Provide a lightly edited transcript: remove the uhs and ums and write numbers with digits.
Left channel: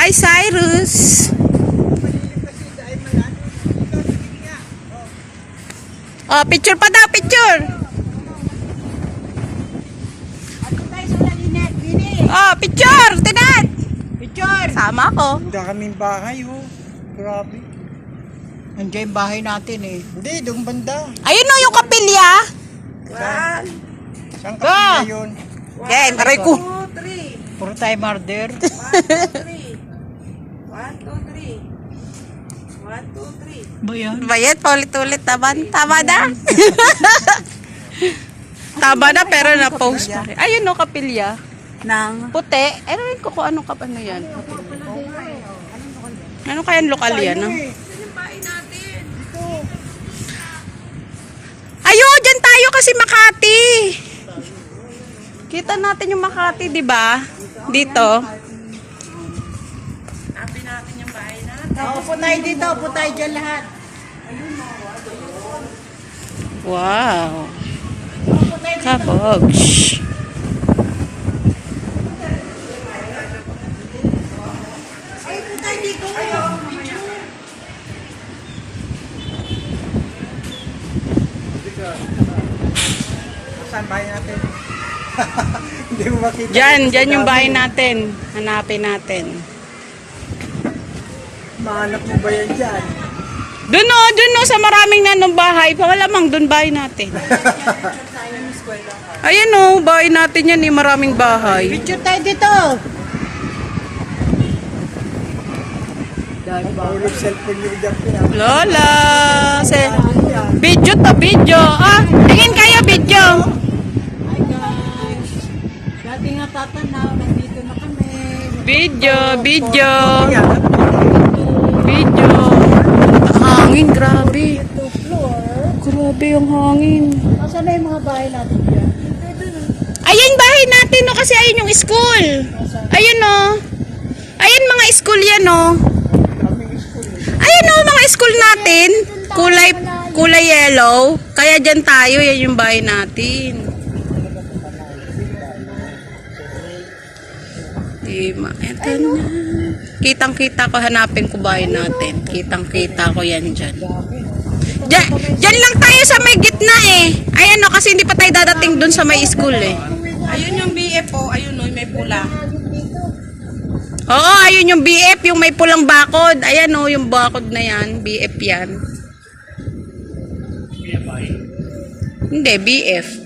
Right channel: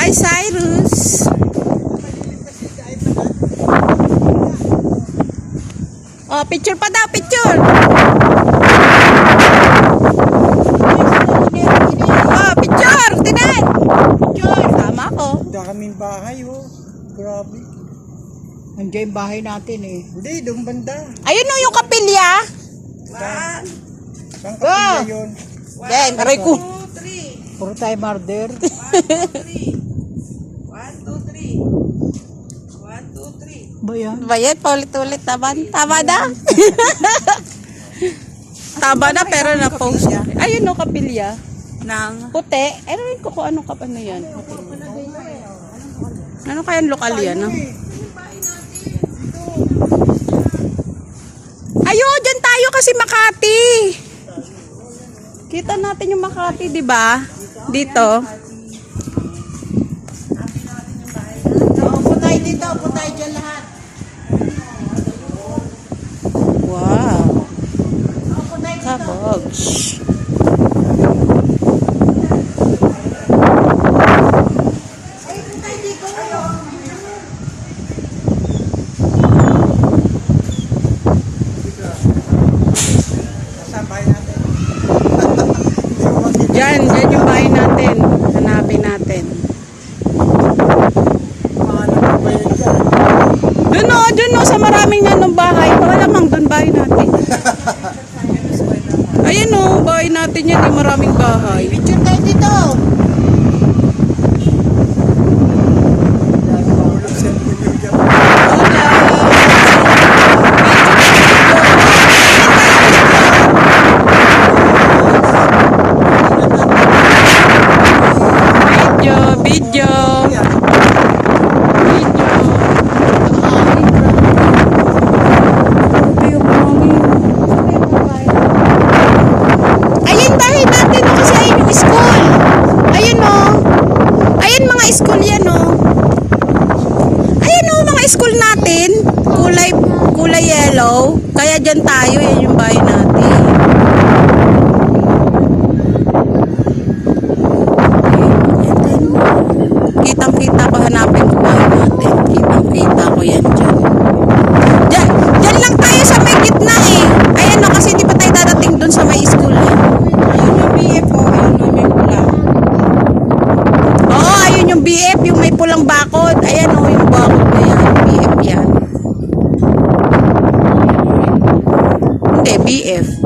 Hi, Cyrus. Oh, picture pa daw, picture. Oh, picture. Tinan. Picture. Sama ko. Daming bahay, oh. Grabe. Andiyan yung bahay natin eh. Hindi, doon banda. Ayun o, yung kapilya. Saan kapila yun? Okay, maray ko. Puro tayo murder. 1, 2, 3. Ba yan? Bayet, paulit-ulit naman. Tama na. Tama na, pero na-post pa. Ayun o, kapilya. Nang Puti. Ano rin ko kung anong ano yan. Ano kaya lokal yan? No? Ayun, dyan tayo kasi Makati. Kita natin yung Makati, di ba? Dito. upo tayo dito, upo tayo dyan lahat. Wow. Kabogs. Saan bahay natin? Hindi mo makita. Dyan yung bahay natin. Hanapin natin. Paano mo ba yun dyan? Dun o, sa maraming nanong bahay. Malamang dun bahay natin. Ayan o, bahay natin yan eh, maraming bahay. Picture tayo dito. Ulit cellphone yun dyan. Lola! Video to video. Ah, tingin kayo video. Video. Video. Ang hangin, grabe. Grabe yung hangin. Saan na yung mga bahay? Ayun bahay natin no, kasi ayun yung school. Ayun no. Ayun mga school yan no. Ayun no, mga school natin. Kulay yellow. Kaya dyan tayo, yan yung bahay natin. Kitang-kita ko, hanapin ko bahay natin. Kitang-kita ko yan dyan. Dyan lang tayo sa may gitna eh. Ayan no, kasi hindi pa tayo dadating dun sa may school eh. Ayun yung BF po. Ayun yung may pula. Oo, ayun yung BF, yung may pulang bakod. Ayan o, yung bakod na yan. BF yan. Hindi, BF.